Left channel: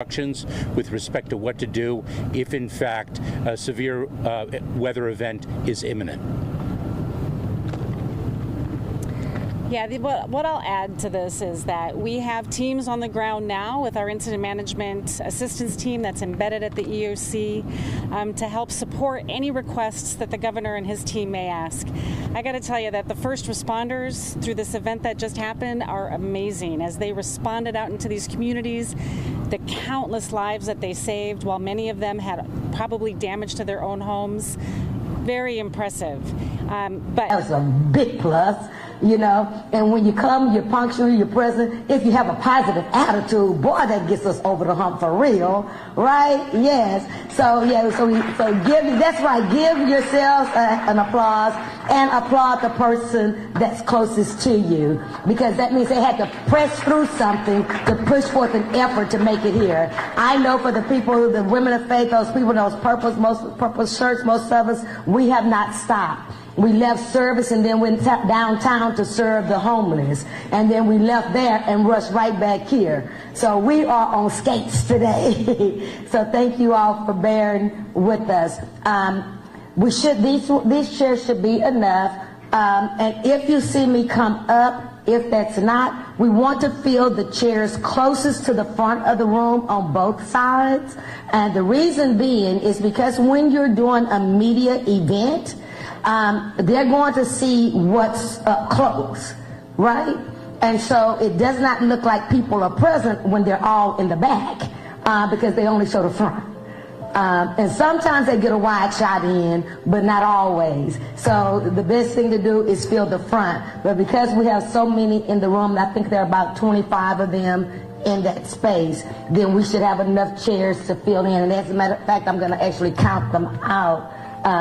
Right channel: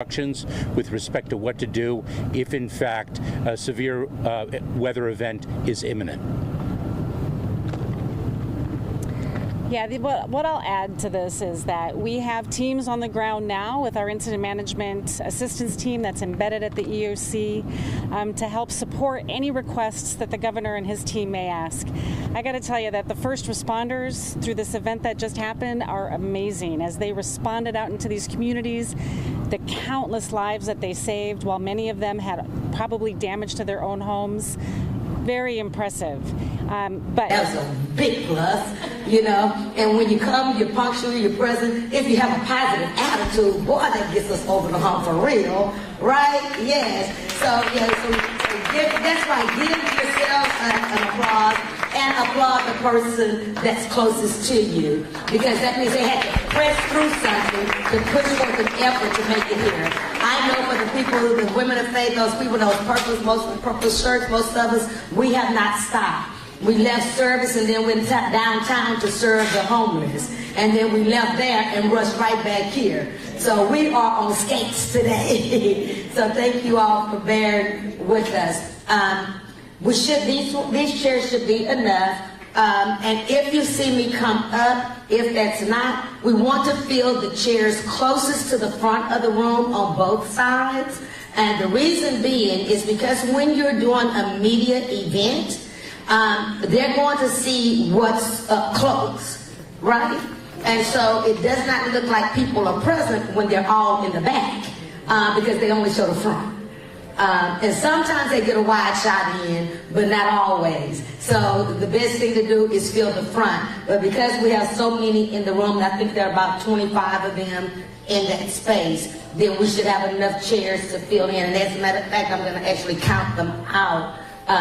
instructions with respect to what to do if, in fact, a severe weather event is imminent. Yeah, what I'll add to this is that we have teams on the ground now with our incident management assistance team that's embedded at the EOC to help support any requests that the governor and his team may ask. I got to tell you that the first responders through this event that just happened are amazing as they responded out into these communities. The countless lives that they saved, while many of them had probably damage to their own homes. Very impressive. But that's a big plus, you know. And when you come, you're punctual, you're present. If you have a positive attitude, boy, that gets us over the hump for real, right? Yes. So give. That's right. Give yourself an applause and applaud the person that's closest to you, because that means they had to press through something to push forth an effort to make it here. I know for the people, the women of faith, those people, those purple shirts, most of us, we have not stopped. We left service and then went downtown to serve the homeless. And then we left there and rushed right back here. So we are on skates today. So thank you all for bearing with us. These chairs should be enough. And if you see me come up, if that's not, we want to fill the chairs closest to the front of the room on both sides. And the reason being is because when you're doing a media event, they're going to see what's up close, right? And so it does not look like people are present when they're all in the back because they only show the front. And sometimes they get a wide shot in, but not always. So the best thing to do is fill the front. But because we have so many in the room, I think there are about 25 of them in that space, then we should have enough chairs to fill in. And as a matter of fact, I'm going to actually count them out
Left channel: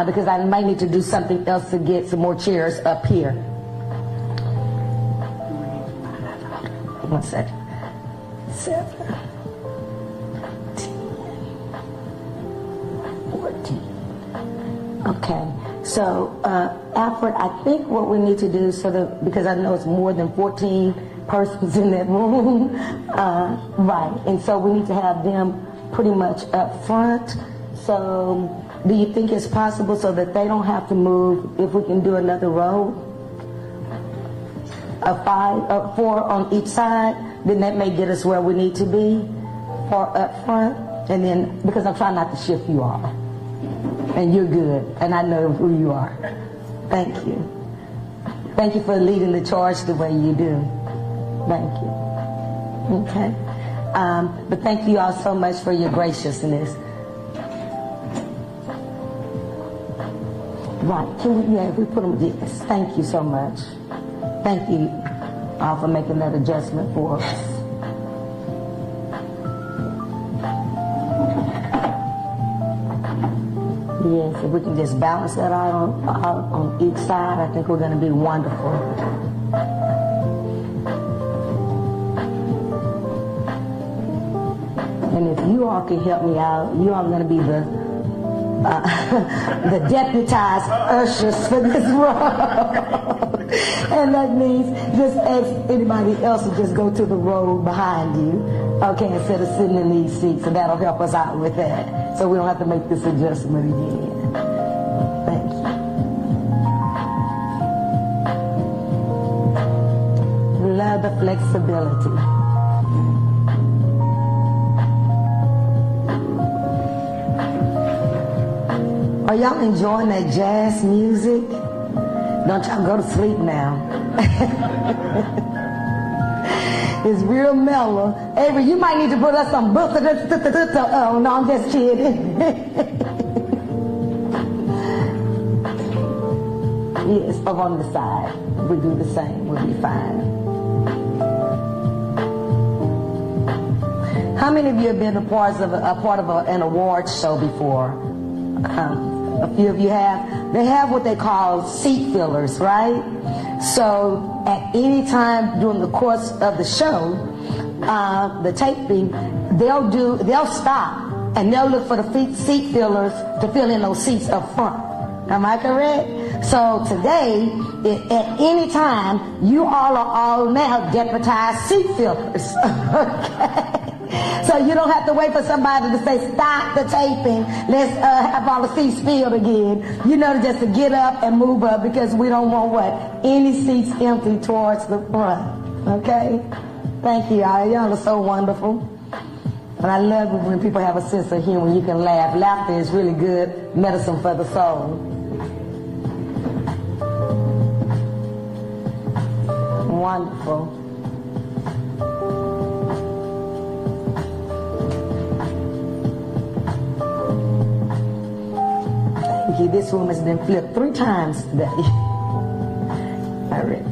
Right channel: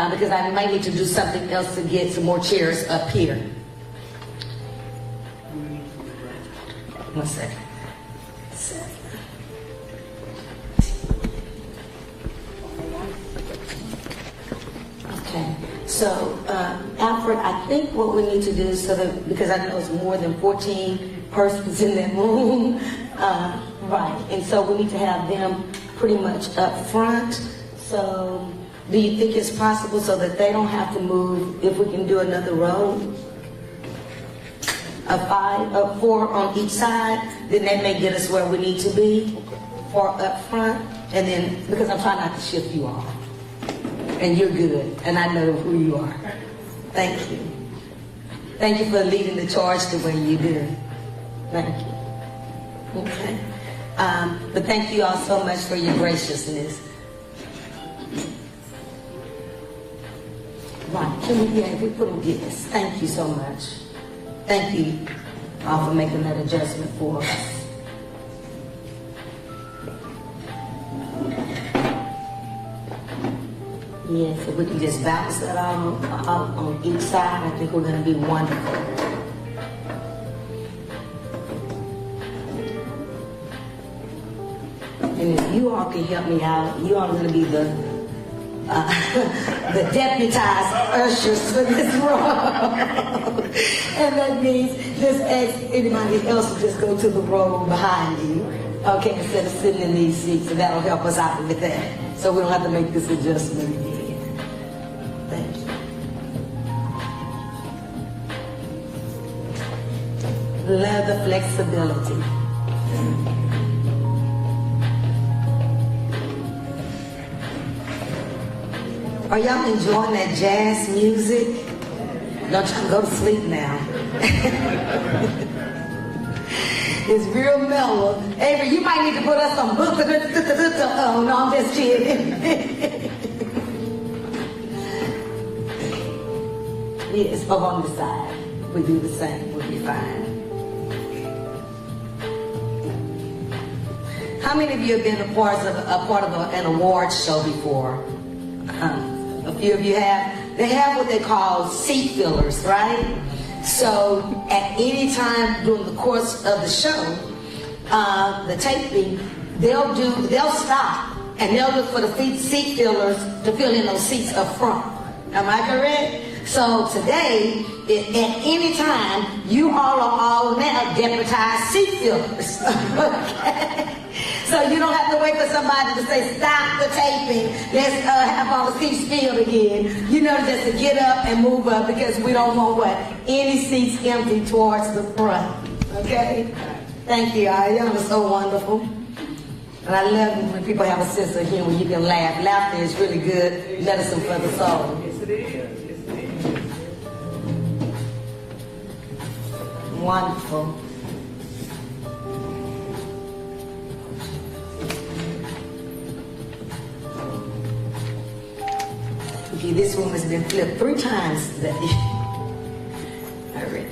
because I might need to do something else to get some more chairs up here. 1 second. 7. Okay, so Alfred, I think what we need to do, so that, because I know it's more than 14 persons in that room, right, and so we need to have them pretty much up front. So do you think it's possible so that they don't have to move, if we can do another row? 4 on each side, then that may get us where we need to be, 4 up front, and then, because I'm trying not to shift you all. And you're good, and I know who you are. Thank you. Thank you for leading the charge the way you do. Thank you. Okay. But thank you all so much for your graciousness. Right, we put them this. Thank you so much. Thank you all for making that adjustment for us. Yes, if we can just balance that out on each side, I think we're going to be wonderful. And if you all can help me out, you all are going to be the deputized ushers for this row. And that means just ask anybody else to just go to the row behind you, okay, instead of sitting in these seats, and that'll help us out with that. So we don't have to make this adjustment again. Thank you. Love the flexibility. Are y'all enjoying that jazz music? Don't y'all go to sleep now. It's real mellow. Avery, you might need to put us some on all this shit. Yes, on the side. We'll do the same. We'll be fine. How many of you have been a part of an award show before? A few of you have. They have what they call seat fillers, right? So at any time during the course of the show, the taping, they'll stop and they'll look for the seat fillers to fill in those seats up front. Am I correct? So today, at any time, you all are all now deputized seat fillers. Okay? So you don't have to wait for somebody to say, stop the taping, let's have all the seats filled again. You know, just to get up and move up, because we don't want what? Any seats empty towards the front. Okay? Thank you, y'all. Y'all are so wonderful. But I love it when people have a sense of humor. You can laugh. Laughter is really good medicine for the soul. Yes, it is. Yes, it is. Wonderful. Thank you. This woman's been flipped 3 times today. Already.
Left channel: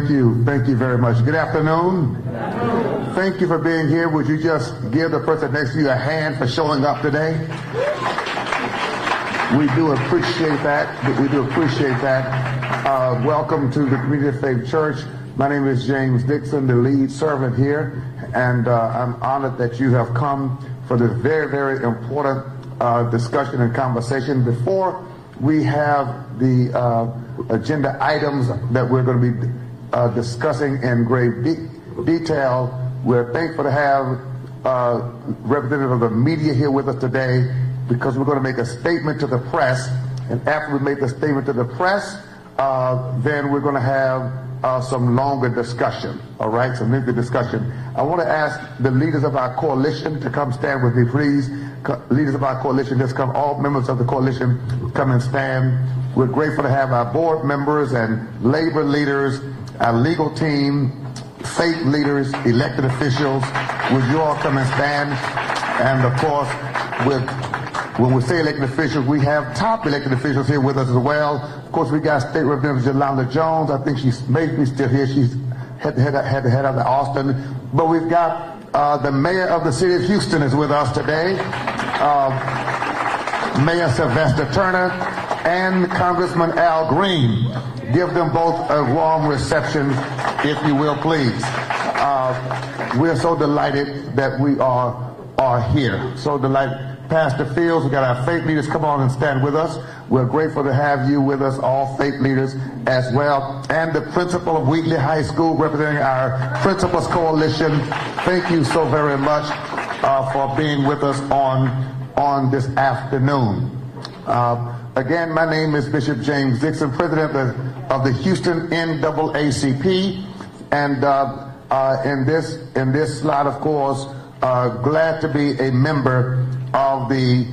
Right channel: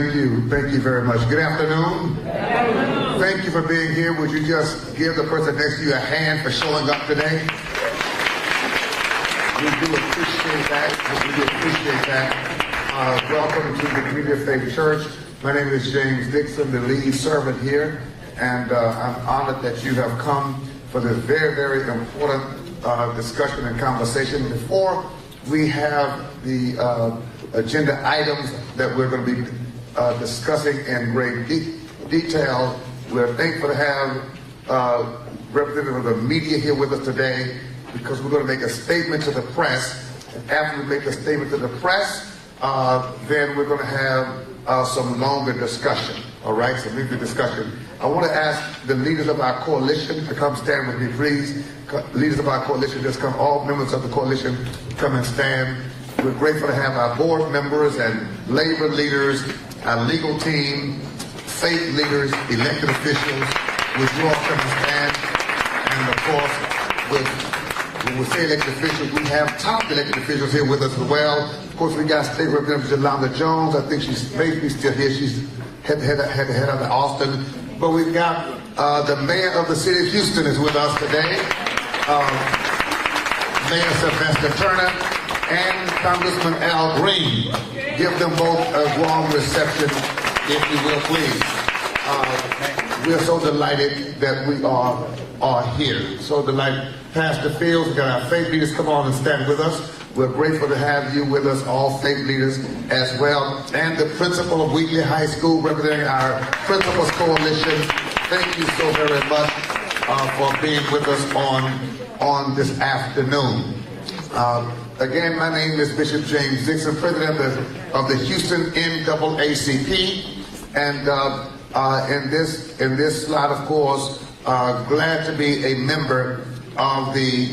Thank you very much. Good afternoon. Thank you for being here. Would you just give the person next to you a hand for showing up today? We do appreciate that. Welcome to the Community of Faith Church. My name is James Dixon, the lead servant here, and I'm honored that you have come for this very, very important discussion and conversation. Before we have the agenda items that we're going to be discussing in great detail, we're thankful to have representatives of the media here with us today, because we're going to make a statement to the press. And after we make a statement to the press, then we're going to have some longer discussion, all right, some longer discussion. I want to ask the leaders of our coalition to come stand with me, please. Leaders of our coalition, just come, all members of the coalition, come and stand. We're grateful to have our board members and labor leaders, our legal team, faith leaders, elected officials. Would you all come and stand? And of course, when we say elected officials, we have top elected officials here with us as well. Of course, we got State Representative Yolanda Jones. I think she's maybe still here. She's had out of Austin. But we've got the mayor of the city of Houston is with us today, Mayor Sylvester Turner, and Congressman Al Green. Give them both a warm reception, if you will, please. We're so delighted that we are here. So delighted. Pastor Fields, we got our faith leaders come on and stand with us. We're grateful to have you with us, all faith leaders as well. And the principal of Wheatley High School, representing our Principals Coalition. Thank you so very much for being with us on this afternoon. Again, my name is Bishop James Dixon, president of the Houston NAACP. And in this slide, of course, glad to be a member of the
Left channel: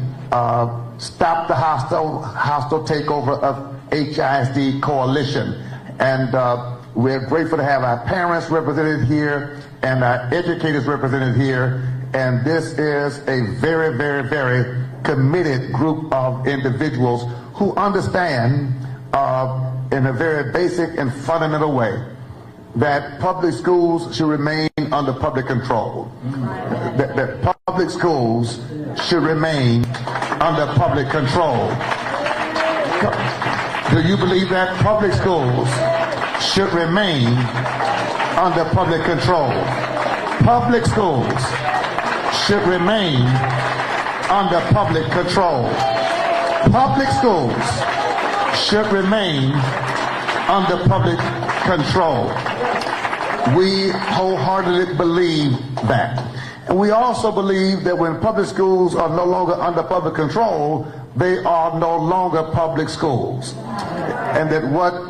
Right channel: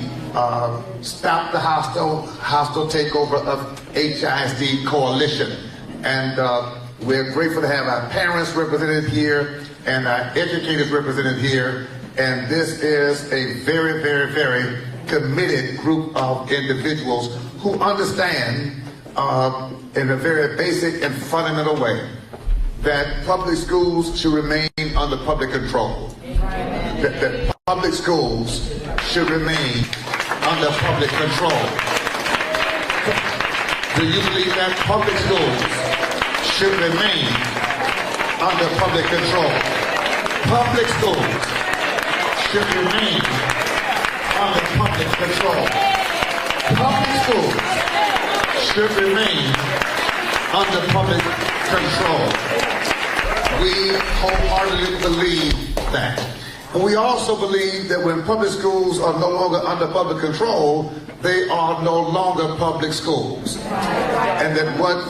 Stop the Hostile Takeover of HISD Coalition. And we're grateful to have our parents represented here and our educators represented here. And this is a very, very, very committed group of individuals who understand in a very basic and fundamental way that public schools should remain under public control. That public schools should remain under public control. Do you believe that public schools should remain under public control? Public schools should remain under public control. Public schools should remain under public control. We wholeheartedly believe that. And we also believe that when public schools are no longer under public control, they are no longer public schools. And that what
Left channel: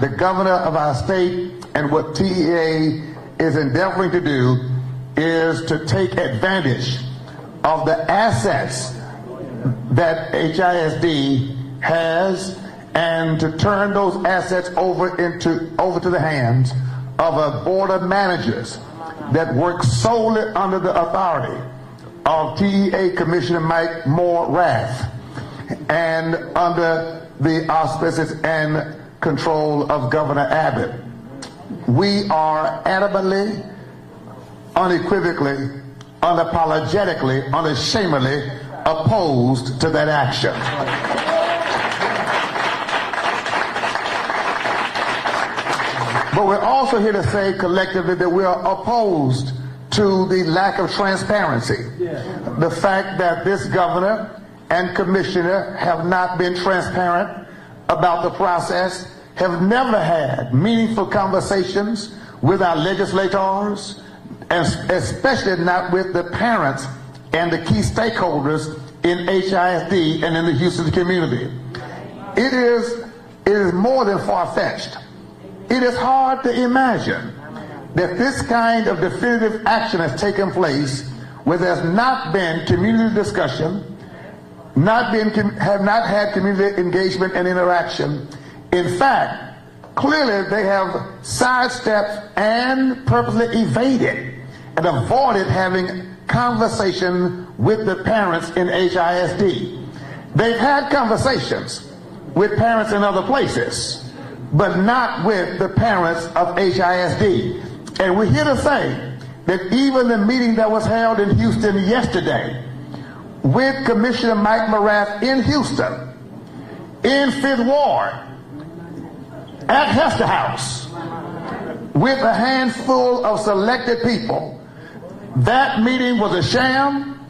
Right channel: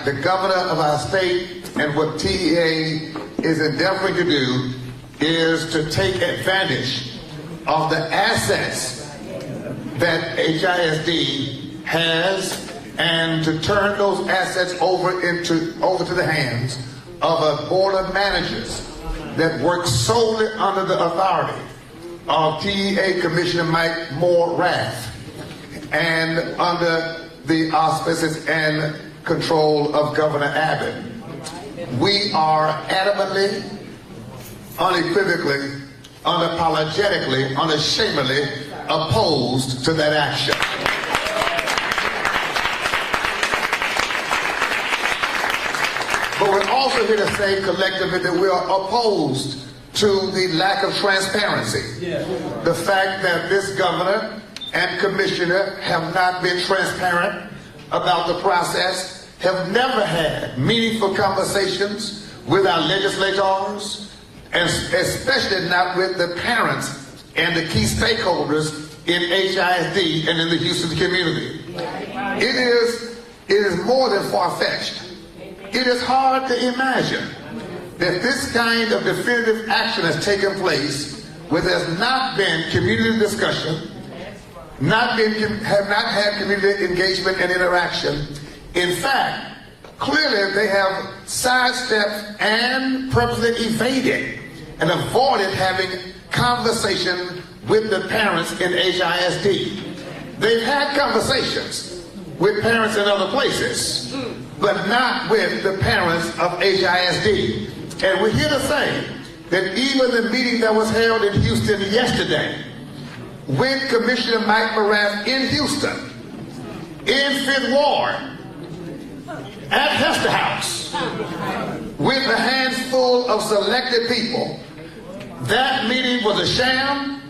the governor of our state and what TEA is endeavoring to do is to take advantage of the assets that HISD has and to turn those assets over to the hands of a board of managers that works solely under the authority of TEA Commissioner Mike Moore Rath and under the auspices and control of Governor Abbott. We are adamantly, unequivocally, unapologetically, unashamedly opposed to that action. But we're also here to say collectively that we are opposed to the lack of transparency. The fact that this governor and commissioner have not been transparent about the process, have never had meaningful conversations with our legislators, and especially not with the parents and the key stakeholders in HISD and in the Houston community. It is more than far-fetched. It is hard to imagine that this kind of definitive action has taken place where there's not been community discussion, have not had community engagement and interaction. In fact, clearly they have sidestepped and purposely evaded and avoided having conversation with the parents in HISD. They've had conversations, with parents in other places, but not with the parents of HISD. And we're here to say that even the meeting that was held in Houston yesterday, with Commissioner Mike Morath in Houston, in Fifth Ward, at Hester House, with a handful of selected people, that meeting was a sham,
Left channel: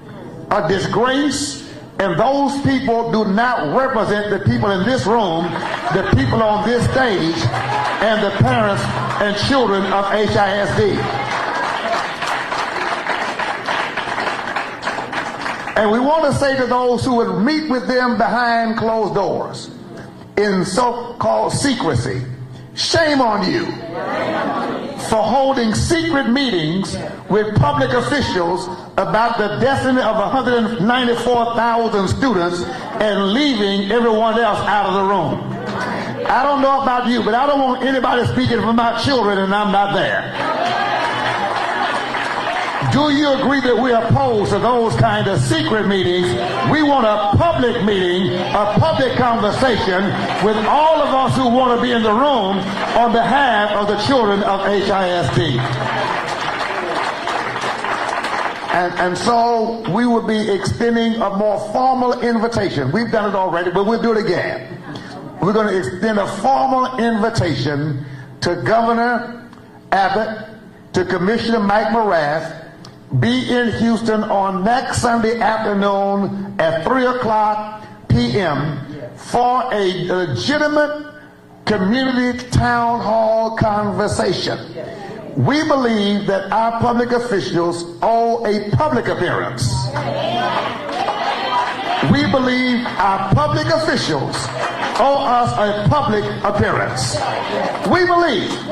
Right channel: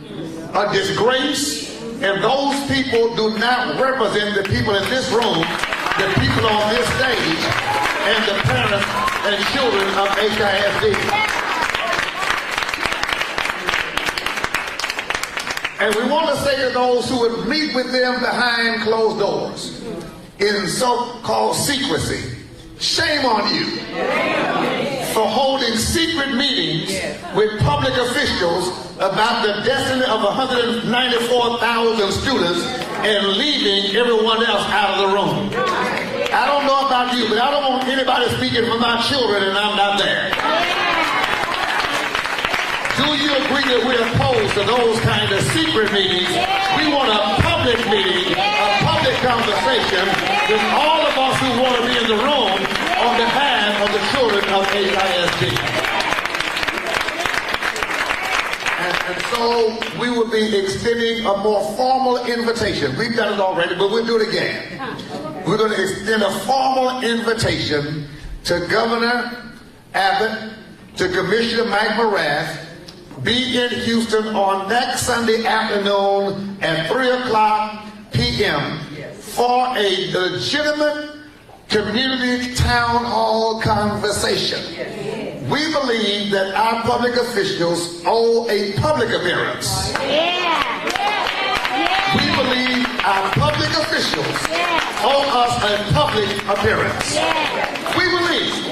a disgrace, and those people do not represent the people in this room, the people on this stage, and the parents and children of HISD. And we want to say to those who would meet with them behind closed doors, in so-called secrecy, shame on you for holding secret meetings with public officials about the destiny of 194,000 students and leaving everyone else out of the room. I don't know about you, but I don't want anybody speaking for my children and I'm not there. Do you agree that we're opposed to those kind of secret meetings? We want a public meeting, a public conversation with all of us who want to be in the room on behalf of the children of HISD. And so we will be extending a more formal invitation. We've done it already, but we'll do it again. We're going to extend a formal invitation to Governor Abbott, to Commissioner Mike Morath. Be in Houston on next Sunday afternoon at 3:00 p.m. for a legitimate community town hall conversation. We believe that our public officials owe a public appearance. We believe our public officials owe us a public appearance. We believe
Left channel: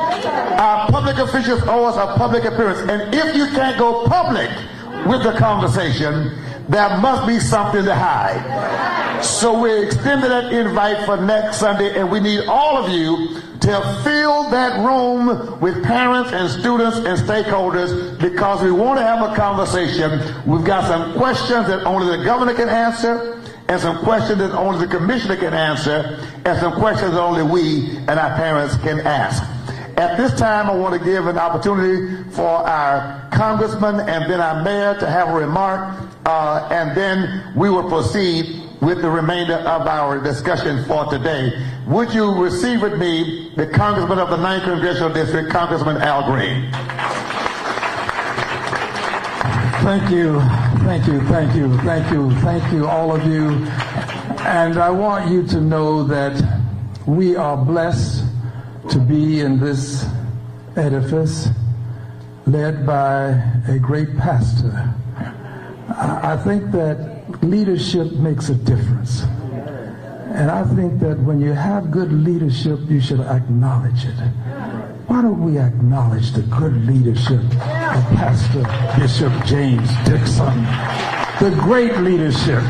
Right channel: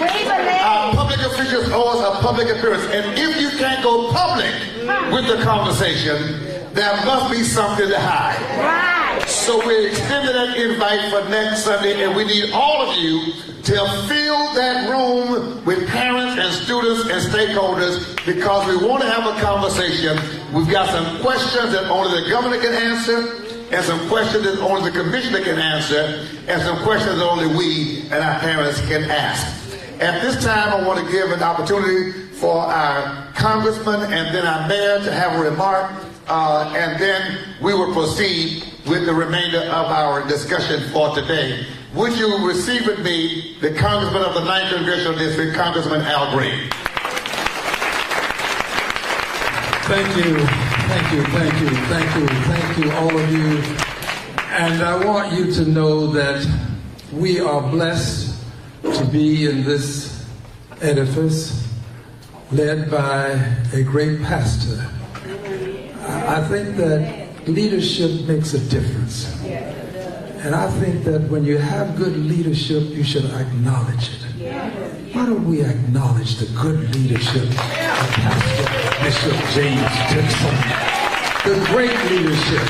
our public officials owe us a public appearance. And if you can't go public with the conversation, there must be something to hide. So we're extending that invite for next Sunday, and we need all of you to fill that room with parents and students and stakeholders, because we want to have a conversation. We've got some questions that only the governor can answer, and some questions that only the commissioner can answer, and some questions that only we and our parents can ask. At this time, I want to give an opportunity for our congressman and then our mayor to have a remark, and then we will proceed with the remainder of our discussion for today. Would you receive with me the congressman of the 9th Congressional District, Congressman Al Green? Thank you, all of you. And I want you to know that we are blessed to be in this edifice led by a great pastor. I think that leadership makes a difference. And I think that when you have good leadership, you should acknowledge it. Why don't we acknowledge the good leadership of Pastor Bishop James Dixon? The great leadership.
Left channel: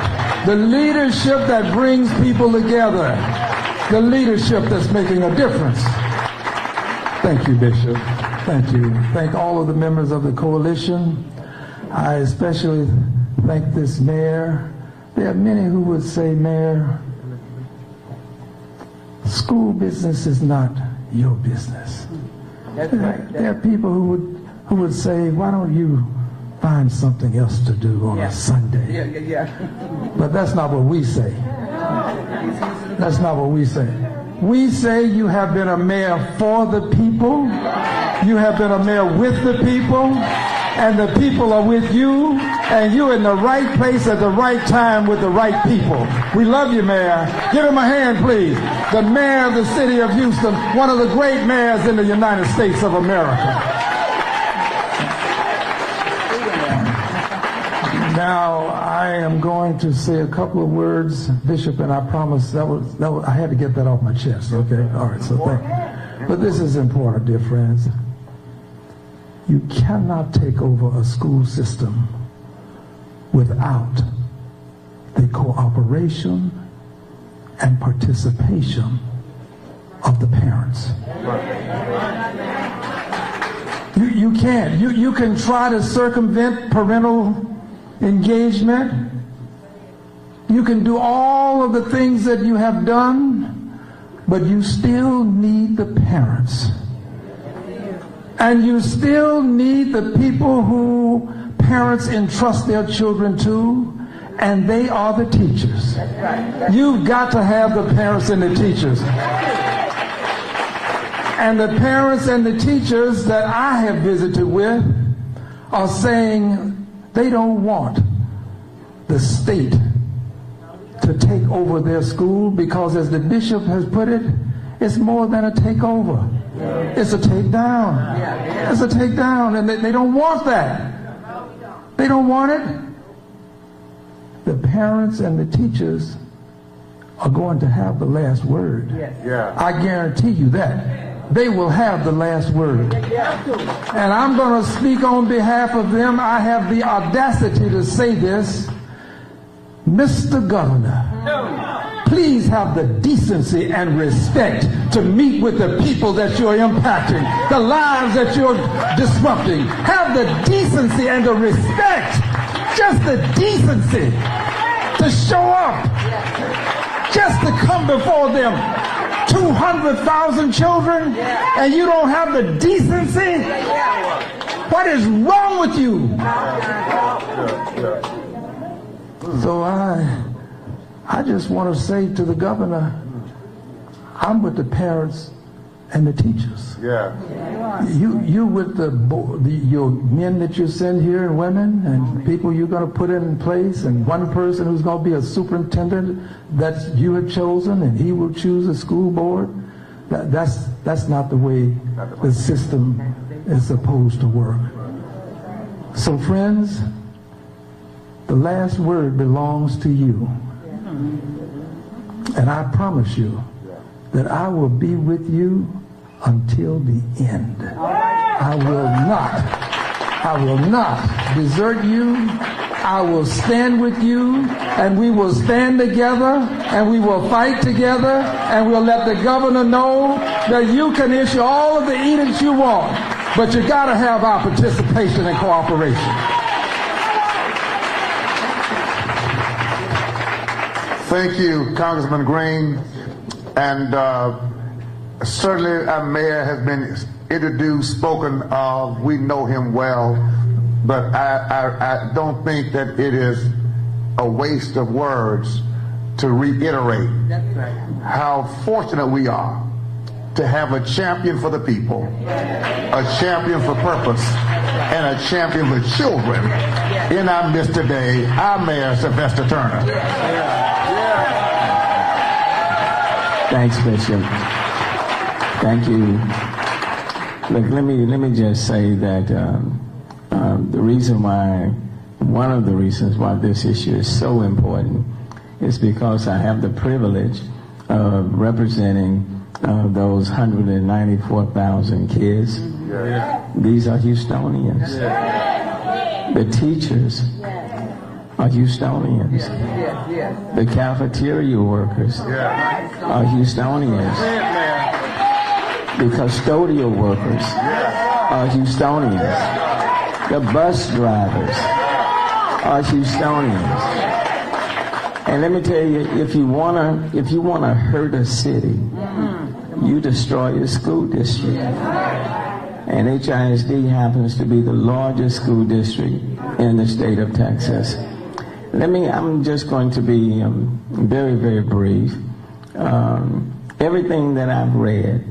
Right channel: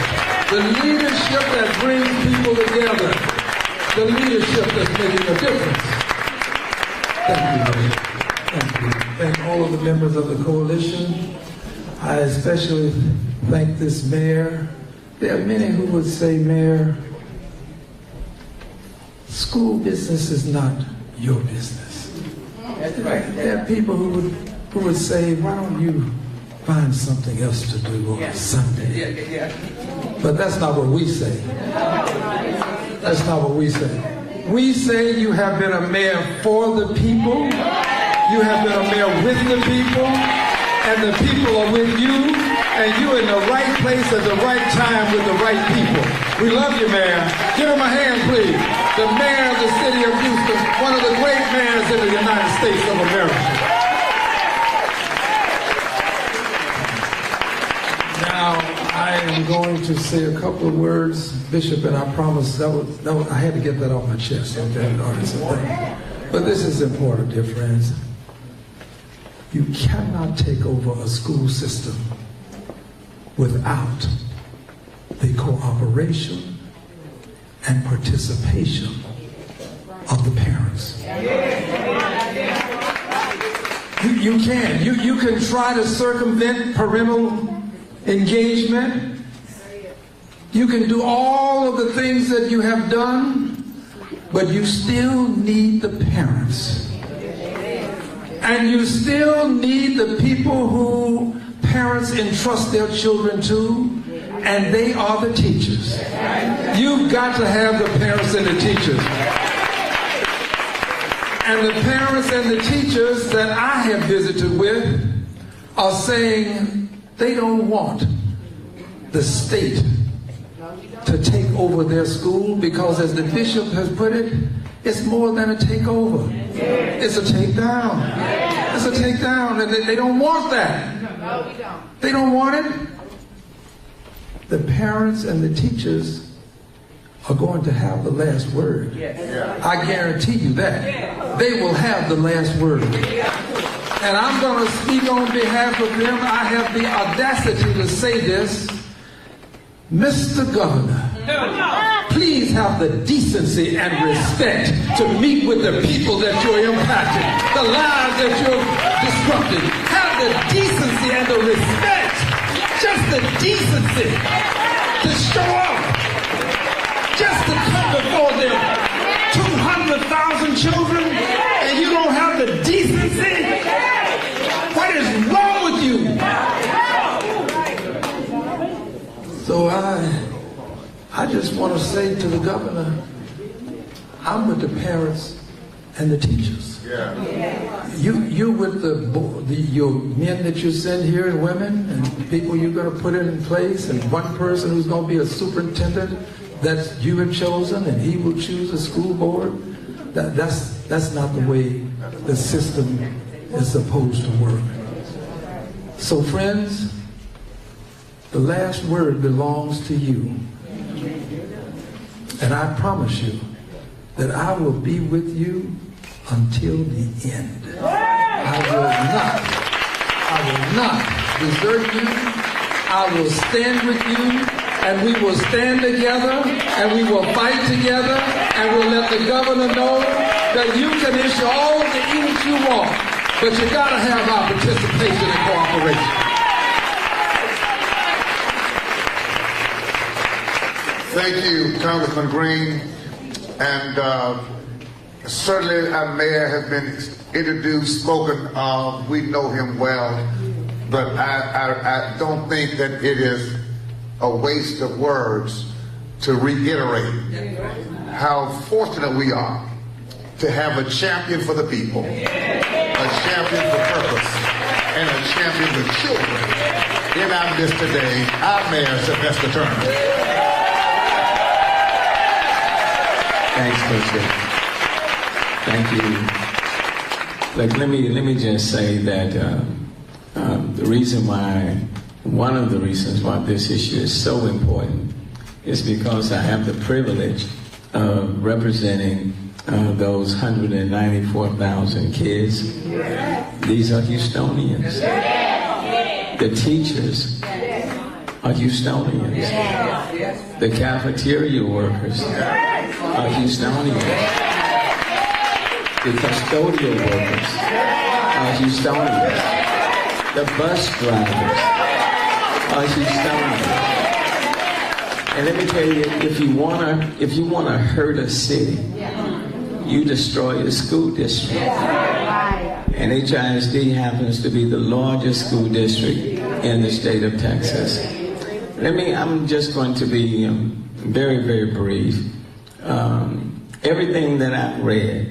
The leadership that brings people together. The leadership that's making a difference. Thank you, Bishop. Thank you. Thank all of the members of the coalition. I especially thank this mayor. There are many who would say, Mayor, school business is not your business. That's right. There are people who would say, why don't you find something else to do on a Sunday? But that's not what we say. That's not what we say. We say you have been a mayor for the people, you have been a mayor with the people, and the people are with you, and you're in the right place at the right time with the right people. We love you, Mayor. Give him a hand, please. The mayor of the city of Houston, one of the great mayors in the United States of America. Now, I am going to say a couple of words, Bishop, and I promise I had to get that off my chest. Okay, all right, so but this is important, dear friends. You cannot take over a school system without the cooperation and participation of the parents. You can't. You can try to circumvent parental engagement. You can do all of the things that you have done, but you still need the parents. And you still need the people who parents entrust their children to, and they are the teachers. You've got to have the parents and the teachers. And the parents and the teachers that I have visited with are saying they don't want the state to take over their school because, as the bishop has put it, it's more than a takeover. It's a takedown. It's a takedown, and they don't want that. They don't want it. The parents and the teachers are going to have the last word. I guarantee you that. They will have the last word. And I'm going to speak on behalf of them. I have the audacity to say this. Mr. Governor, please have the decency and respect to meet with the people that you're impacting, the lives that you're disrupting. Have the decency and the respect, just the decency to show up, just to come before them. 200,000 children, and you don't have the decency? What is wrong with you? So I just want to say to the governor, I'm with the parents and the teachers. You're with your men that you send here and women and people you're going to put in place, and one person who's going to be a superintendent that you have chosen, and he will choose a school board. That's not the way the system is supposed to work. So friends, the last word belongs to you. And I promise you that I will be with you until the end. I will not desert you. I will stand with you, and we will stand together, and we will fight together, and we'll let the governor know that you can issue all of the edicts you want, but you got to have our participation and cooperation. Thank you, Congressman Green. And certainly our mayor has been introduced, spoken of. We know him well. But I don't think that it is a waste of words to reiterate how fortunate we are to have a champion for the people, a champion for purpose, and a champion for children in our midst today, our Mayor Sylvester Turner. Thanks, Bishop. Thank you. Look, let me just say that one of the reasons why this issue is so important is because I have the privilege of representing those 194,000 kids. These are Houstonians. The teachers are Houstonians. The cafeteria workers are Houstonians. The custodial workers are Houstonians. The bus drivers are Houstonians. And let me tell you, if you wanna hurt a city, you destroy a school district. And HISD happens to be the largest school district in the state of Texas. I'm just going to be very, very brief. Everything that I've read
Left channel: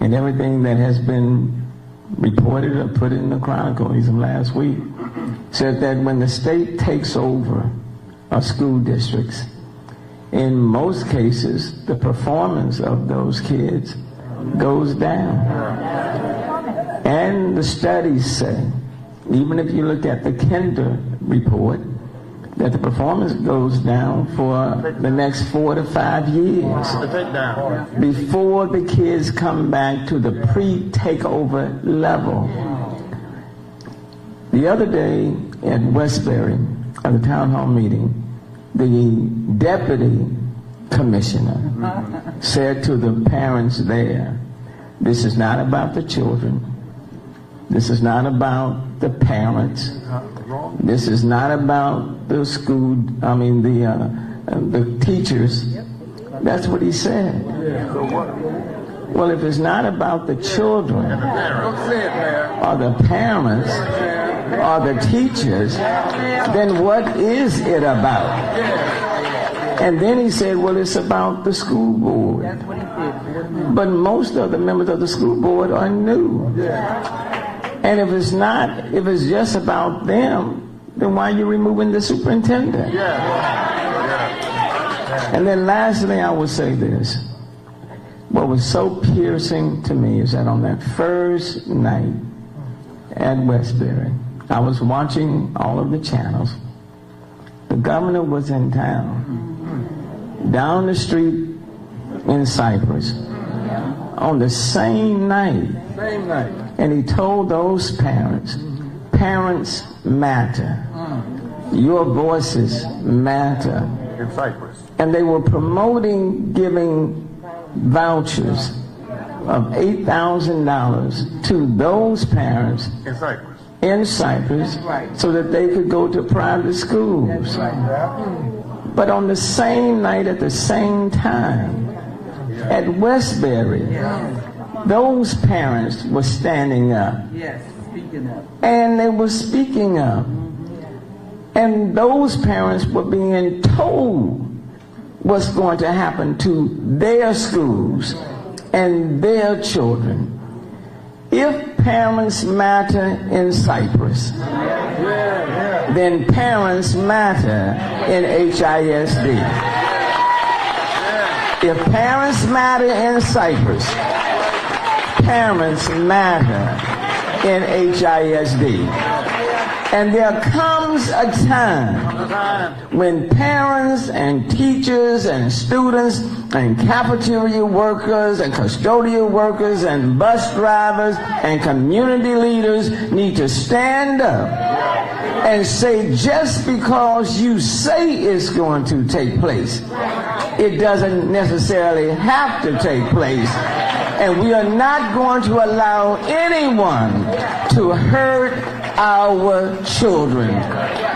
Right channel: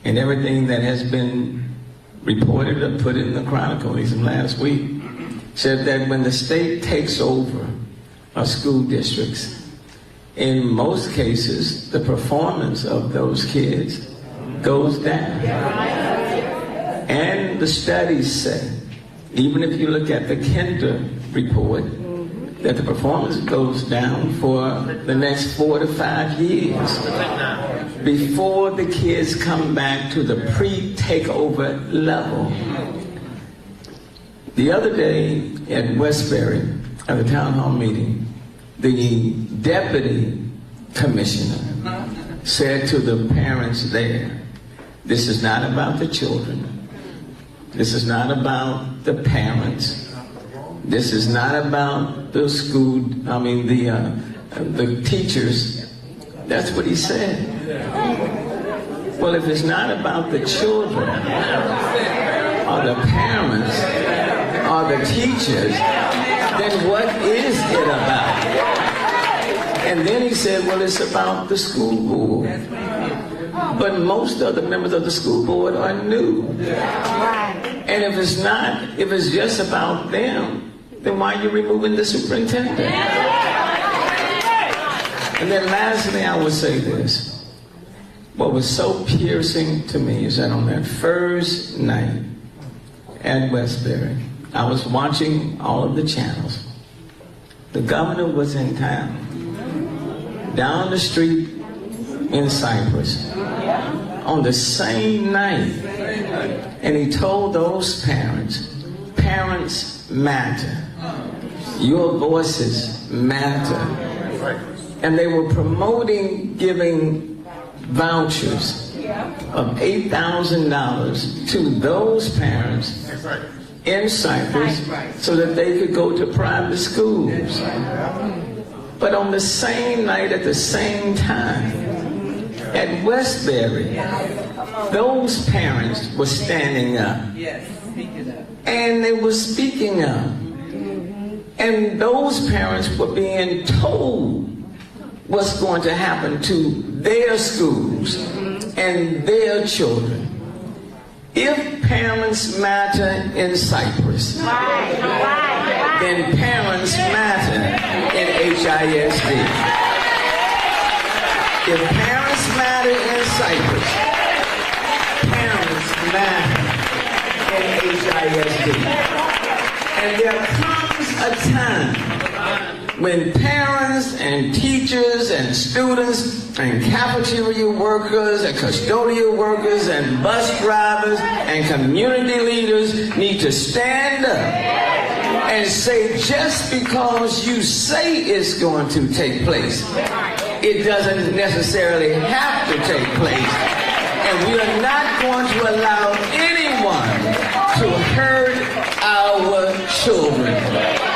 and everything that has been reported or put in the Chronicle even last week said that when the state takes over our school districts, in most cases, the performance of those kids goes down. And the studies say, even if you look at the Kinder report, that the performance goes down for the next 4 to 5 years before the kids come back to the pre-takeover level. The other day at Westbury, at a town hall meeting, the deputy commissioner said to the parents there, this is not about the children. This is not about the parents. This is not about the school, the teachers. That's what he said. Well, if it's not about the children, or the parents, or the teachers, then what is it about? And then he said, well, it's about the school board. But most of the members of the school board are new. And if it's not, if it's just about them, then why are you removing the superintendent? And then lastly, I will say this. What was so piercing to me is that on that first night at Westbury, I was watching all of the channels. The governor was in town, down the street in Cypress, on the same night. And he told those parents, parents matter. Your voices matter. And they were promoting giving vouchers of $8,000 to those parents in Cyprus so that they could go to private schools. But on the same night, at the same time, at Westbury, those parents were standing up. And they were speaking up. And those parents were being told what's going to happen to their schools and their children. If parents matter in Cyprus, then parents matter in HISD. If parents matter in Cyprus, parents matter in HISD. And there comes a time when parents and teachers and students and cafeteria workers and custodial workers and bus drivers and community leaders need to stand up and say, just because you say it's going to take place, it doesn't necessarily have to take place. And we are not going to allow anyone to hurt our children.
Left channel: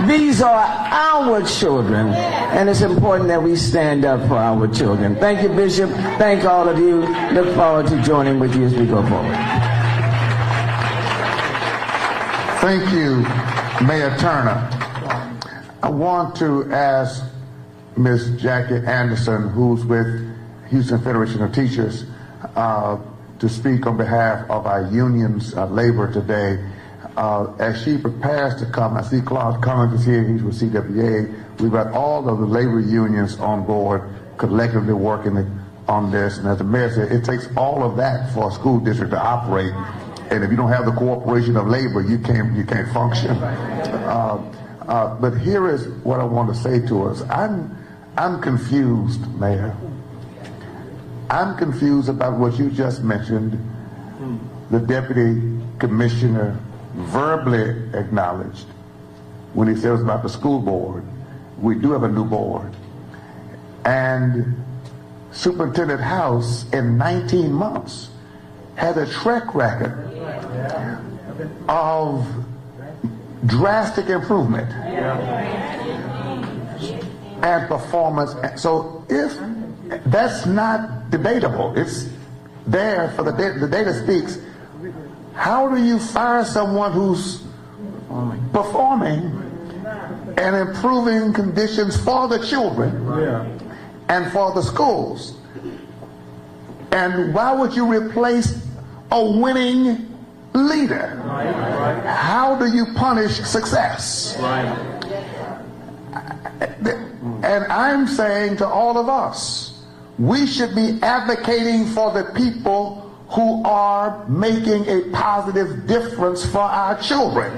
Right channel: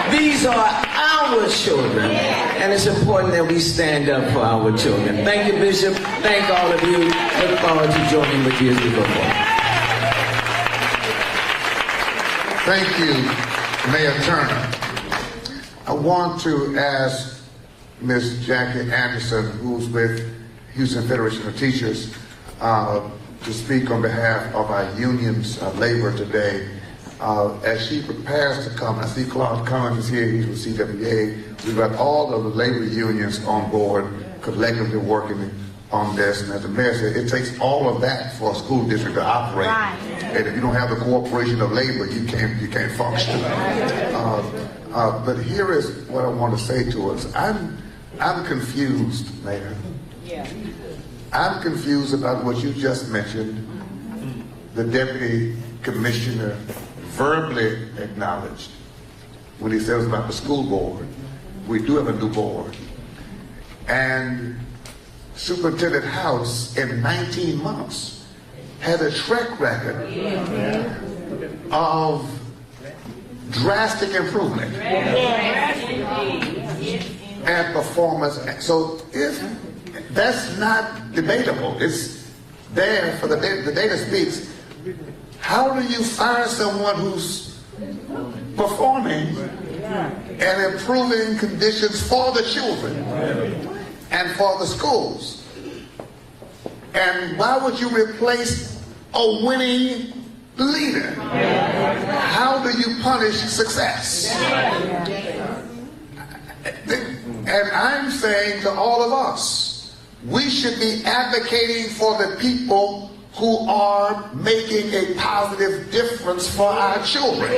These are our children, and it's important that we stand up for our children. Thank you, Bishop. Thank all of you. Look forward to joining with you as we go forward. Thank you, Mayor Turner. I want to ask Ms. Jackie Anderson, who's with Houston Federation of Teachers, to speak on behalf of our union's labor today. As she prepares to come, I see Clark Collins is here, he's with CWA. We've got all of the labor unions on board, collectively working on this. And as the mayor said, it takes all of that for a school district to operate. Right. And if you don't have the cooperation of labor, you can't function. But here is what I want to say to us. I'm confused, Mayor. I'm confused about what you just mentioned. The deputy commissioner verbally acknowledged when he said it was about the school board. We do have a new board. And Superintendent House, in 19 months, had a track record of drastic improvement and performance. So if that's not debatable, it's there for the data speaks. How do you fire someone who's performing and improving conditions for the children and for the schools? And why would you replace a winning leader? How do you punish success? And I'm saying to all of us, we should be advocating for the people who are making a positive difference for our children.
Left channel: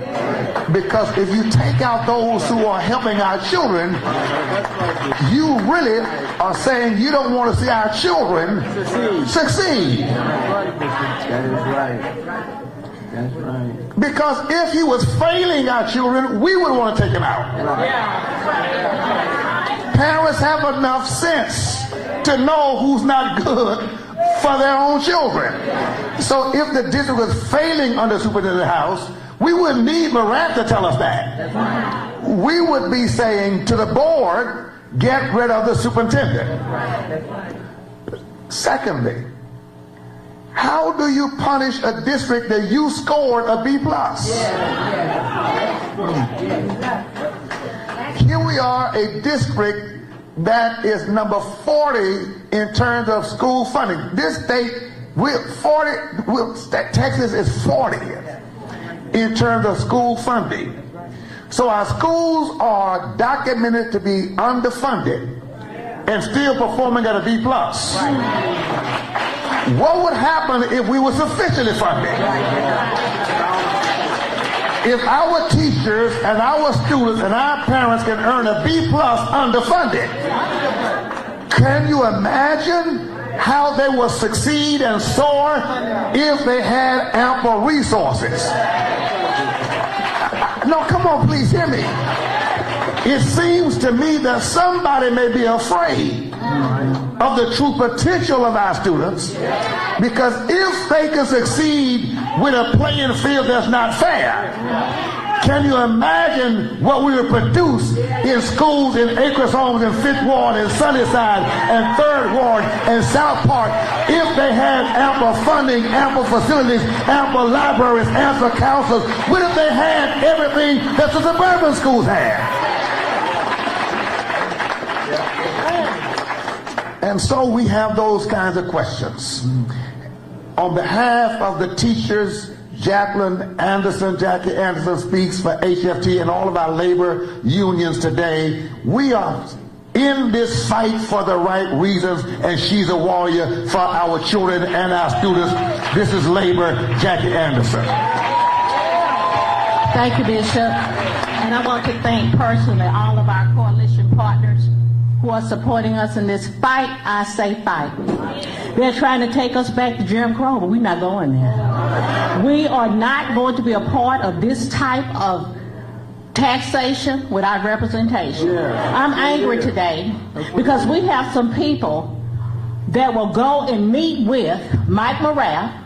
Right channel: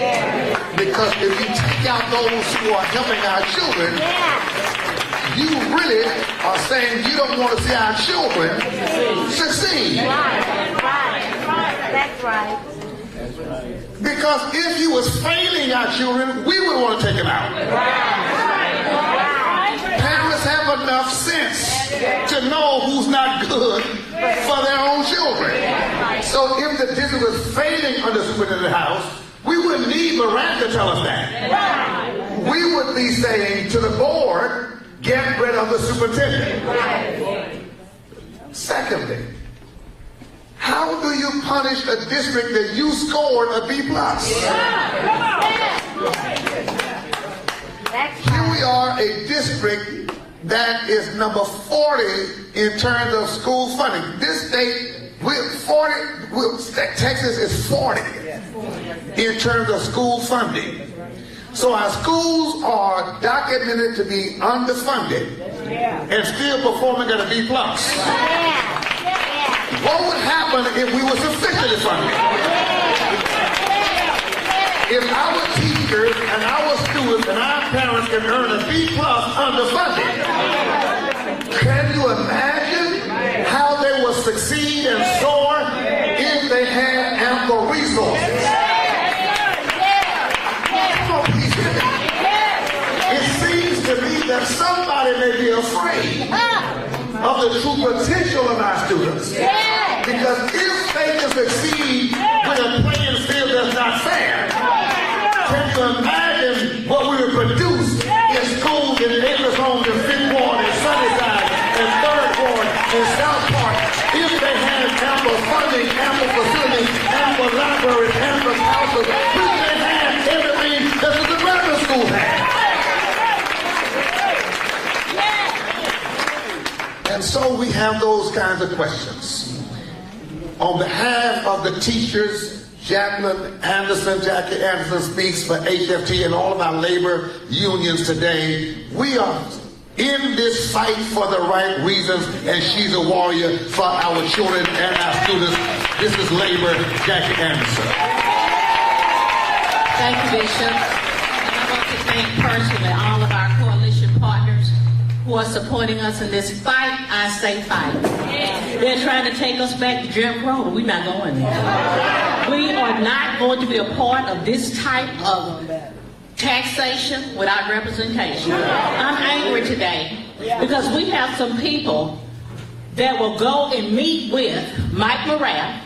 Because if you take out those who are helping our children, you really are saying you don't want to see our children succeed. That's right. Because if you was failing our children, we would want to take them out. Parents have enough sense to know who's not good for their own children. So if the district was failing under Superintendent House, we wouldn't need Lorette to tell us that. We would be saying to the board, get rid of the superintendent. Secondly, how do you punish a district that you scored a B+? Here we are, a district that is number 40 in terms of school funding. This state, Texas is 40 in terms of school funding. So our schools are documented to be underfunded and still performing at a B+. What would happen if we were sufficiently funded? If our teachers and our students and our parents can earn a B+ underfunded, can you imagine how they would succeed and soar if they had ample resources? No, come on, please hear me. It seems to me that somebody may be afraid of the true potential of our students, because if they can succeed with a playing field that's not fair, can you imagine what we would produce in schools in Acres Homes and Fifth Ward and Sunnyside and Third Ward and South Park if they had ample funding, ample facilities, ample libraries, ample counselors, if they had everything that the suburban schools had? And so we have those kinds of questions. On behalf of the teachers, Jackie Anderson speaks for HFT and all of our labor unions today. We are in this fight for the right reasons, and she's a warrior for our children and our students. This is Labor, Jackie Anderson. Thank you, Bishop. And I want to thank personally all of our coalition partners who are supporting us in this fight. I say fight. They're trying to take us back to Jim Crow. We're not going there. We are not going to be a part of this type of taxation without representation. I'm angry today because we have some people that will go and meet with Mike Morat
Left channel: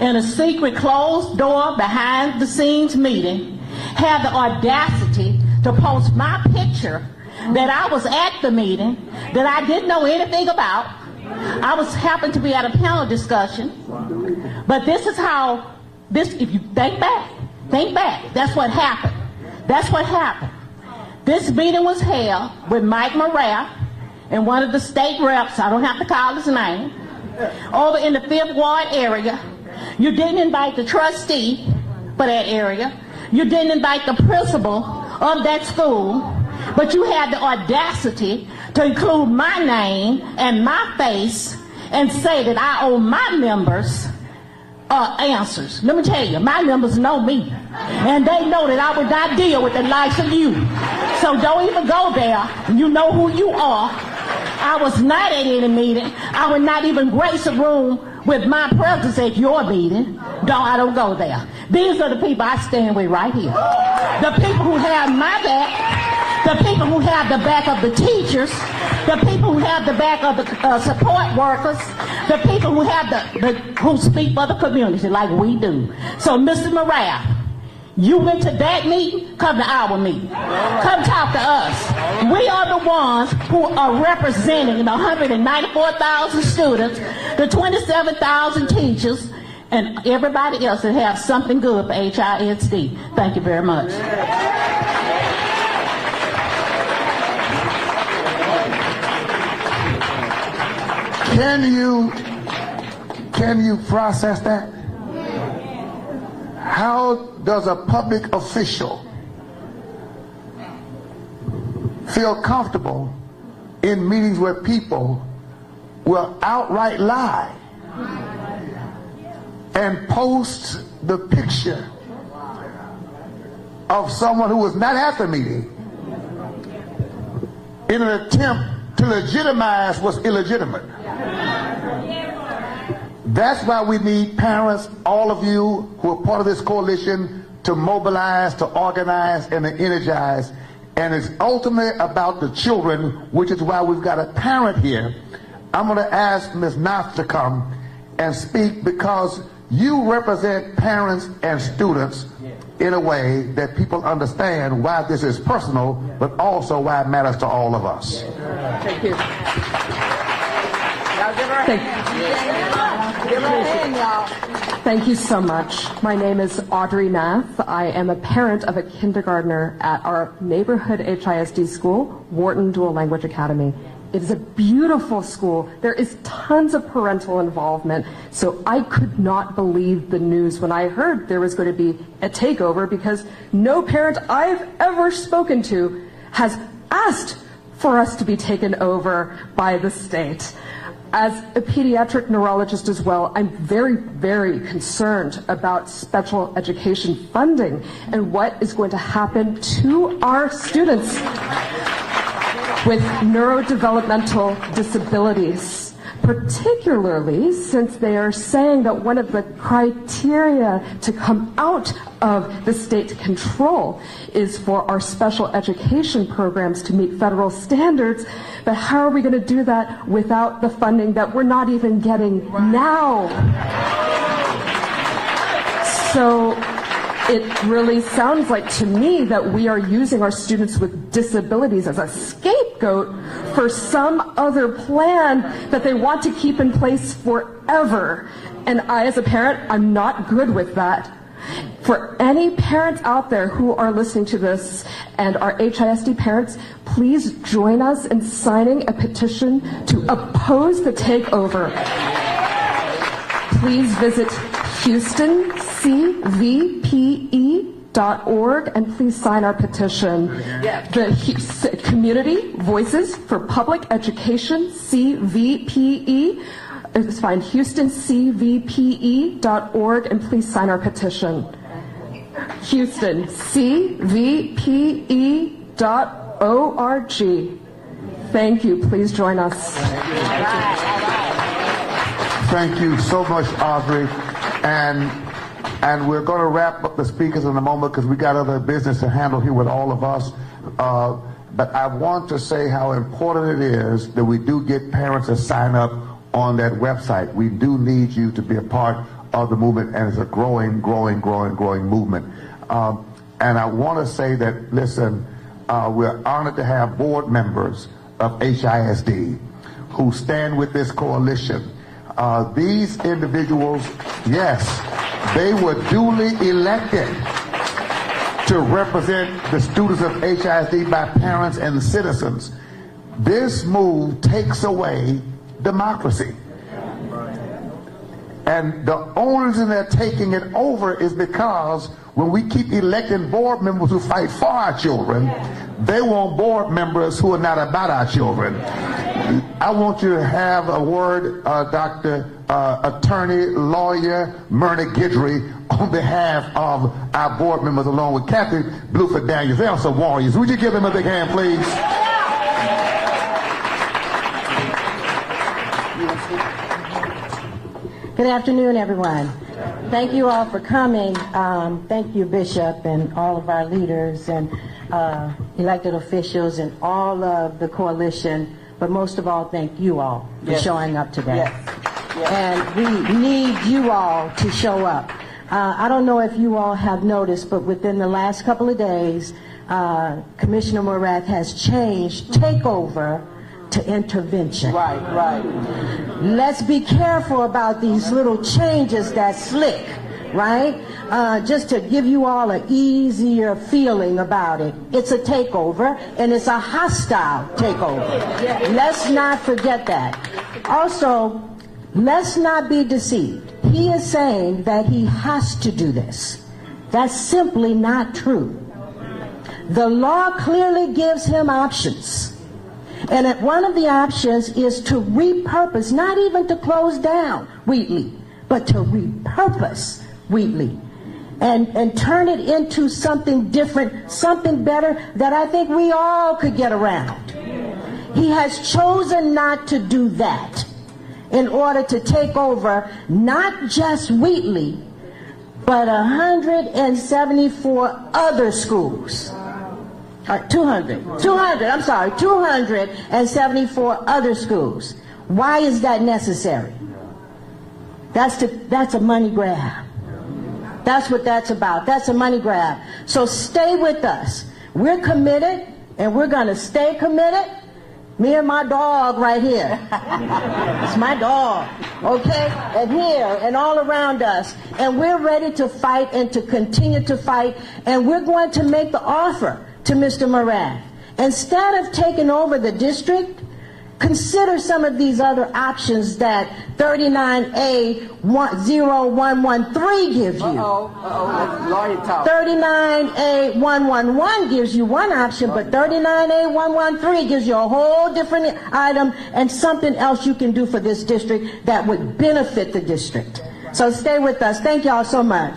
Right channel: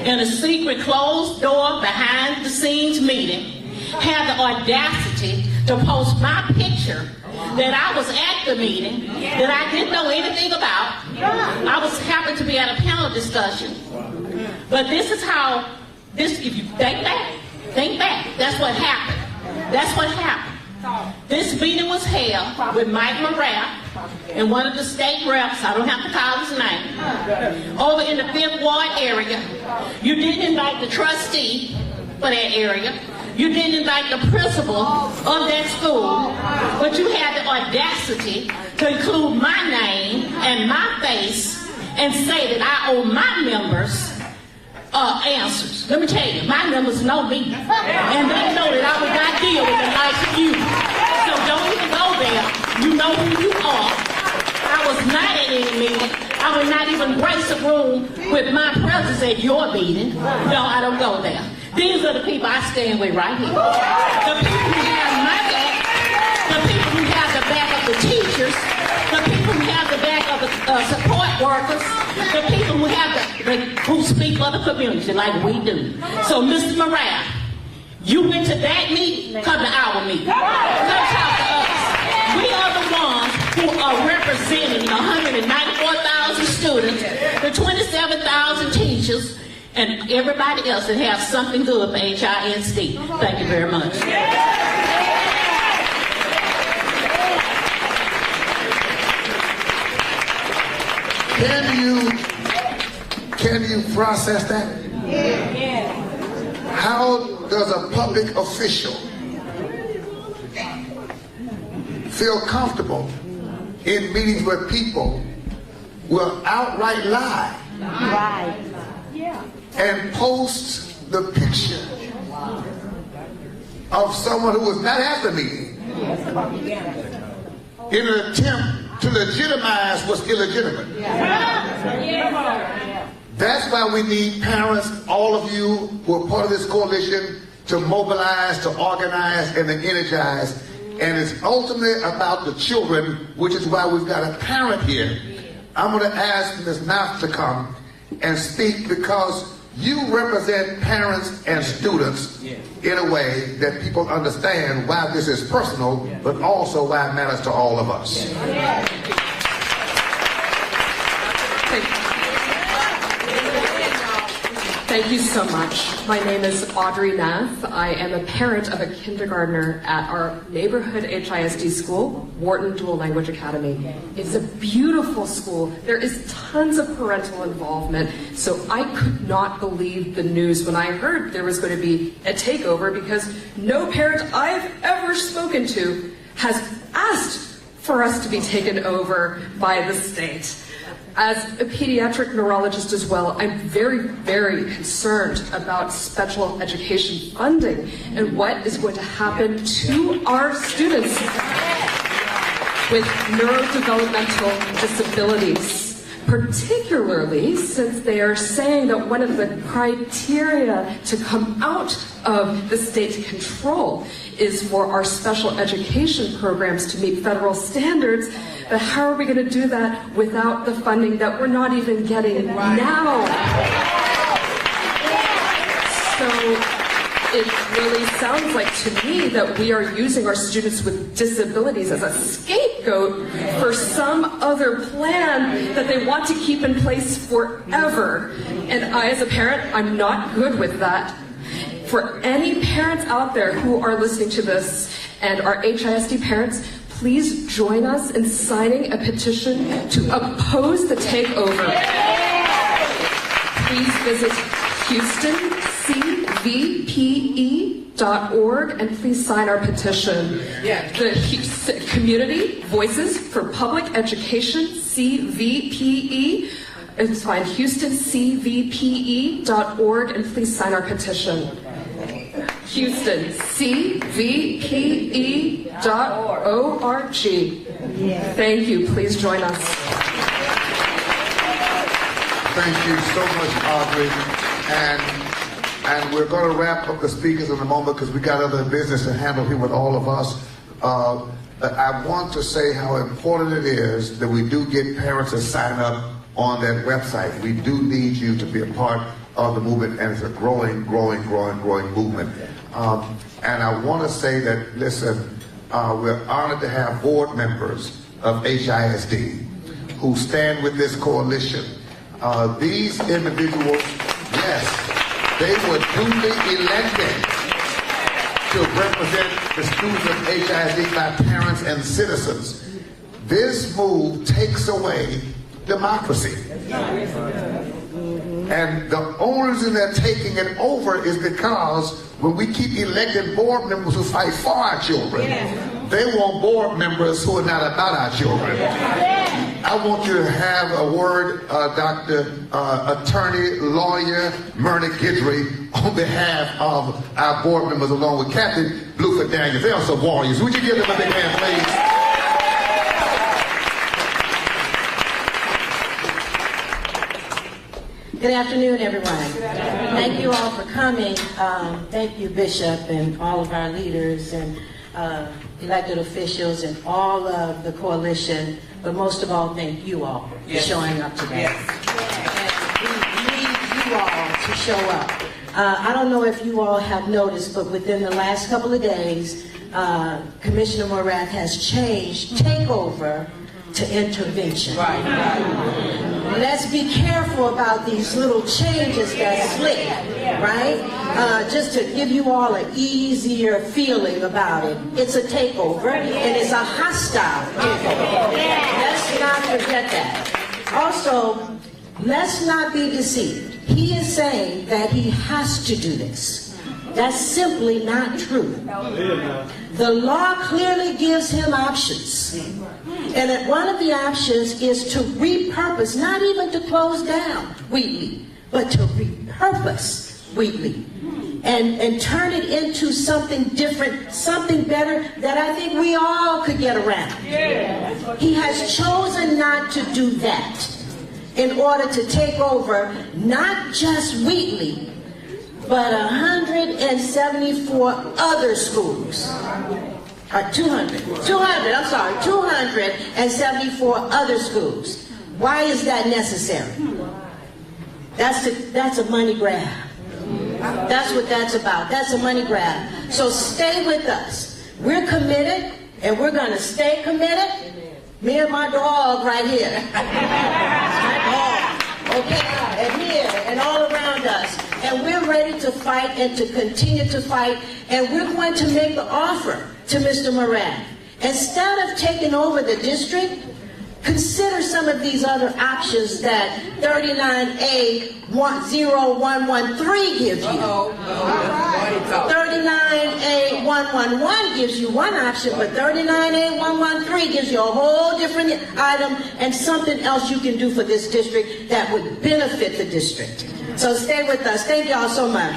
in a secret closed door behind the scenes meeting, have the audacity to post my picture that I was at the meeting, that I didn't know anything about. I was happened to be at a panel discussion. But this is how, if you think back, that's what happened. That's what happened. This meeting was held with Mike Morat and one of the state reps, I don't have to call his name, over in the Fifth Ward area. You didn't invite the trustee for that area. You didn't invite the principal of that school, but you had the audacity to include my name and my face and say that I owe my members answers. Let me tell you, my members know me, and they know that I would not deal with the likes of you. So don't even go there. You know who you are. I was not at any meeting. I would not even grace a room with my presence at your meeting. No, I don't go there. These are the people I stand with right here. The people who have my back, the people who have the back of the teachers, the people who have the back of the support workers, the people who have who speak for the community like we do. So, Mrs. Morat, you went to that meeting, come to our meeting. Come talk to us. We are the ones who are representing the 194,000 students, the 27,000 teachers, and everybody else that has something good for HISD. Thank you very much. Can you process that? How does a public official feel comfortable in meetings where people will outright lie and post the picture of someone who was not at the meeting in an attempt to legitimize what's illegitimate? That's why we need parents, all of you who are part of this coalition, to mobilize, to organize, and to energize. And it's ultimately about the children, which is why we've got a parent here. I'm going to ask Ms. Knopf to come and speak, because you represent parents and students in a way that people understand why this is personal, but also why it matters to all of us. Thank you so much. My name is Audrey Neff. I am a parent of a kindergartner at our neighborhood HISD school, Wharton Dual Language Academy. It's a beautiful school. There is tons of parental involvement, so I could not believe the news when I heard there was going to be a takeover, because no parent I've ever spoken to has asked for us to be taken over by the state. As a pediatric neurologist as well, I'm very, very concerned about special education funding and what is going to happen to our students with neurodevelopmental disabilities, particularly since they are saying that one of the criteria to come out of the state's control is for our special education programs to meet federal standards. But how are we going to do that without the funding that we're not even getting now? So it really sounds like to me that we are using our students with disabilities as a scapegoat for some other plan that they want to keep in place forever. And I, as a parent, I'm not good with that. For any parents out there who are listening to this and are HISD parents, please join us in signing a petition to oppose the takeover. Please visit HoustonCVPE.org and please sign our petition. The Houston Community Voices for Public Education, CVPE. It's fine, HoustonCVPE.org, and please sign our petition. HoustonCVPE.org. Thank you. Please join us. Thank you so much, Aubrey. And we're going to wrap up the speakers in a moment because we got other business to handle here with all of us. But I want to say how important it is that we do get parents to sign up on that website. We do need you to be a part of the movement, and it's a growing movement. And I want to say that, listen, we're honored to have board members of HISD who stand with this coalition. These individuals, yes, they were duly elected to represent the students of HISD by parents and citizens. This move takes away democracy. And the only reason they're taking it over is because when we keep electing board members who fight for our children, they want board members who are not about our children. I want you to have a word, Dr. Attorney, Lawyer Myrna Guidry, on behalf of our board members, along with Captain Bluefoot Daniels. They are some warriors. Would you give them a big hand, please? Good afternoon, everyone. Thank you all for coming. Thank you, Bishop, and all of our leaders and elected officials and all of the coalition. But most of all, thank you all for showing up today. And we need you all to show up. I don't know if you all have noticed, but within the last couple of days, Commissioner Morath has changed takeover to intervention. Right. Let's be careful about these little changes that slip, right? Just to give you all an easier feeling about it. It's a takeover, and it's a hostile takeover. Let's not forget that. Also, let's not be deceived. He is saying that he has to do this. That's simply not true. The law clearly gives him options. And that one of the options is to repurpose, not even to close down Wheatley, but to repurpose Wheatley and turn it into something different, something better that I think we all could get around. He has chosen not to do that in order to take over not just Wheatley, but 174 other schools. 274 other schools. Why is that necessary? That's a money grab. That's what that's about. That's a money grab. So stay with us. We're committed, and we're going to stay committed. Me and my dog right here. It's my dog. Okay? And here and all around us. And we're ready to fight and to continue to fight. And we're going to make the offer to Mr. Moran. Instead of taking over the district, consider some of these other options that 39A0113 gives you. 39A111 gives you one option, but 39A113 gives you a whole different item and something else you can do for this district that would benefit the district. So stay with us. Thank y'all so much.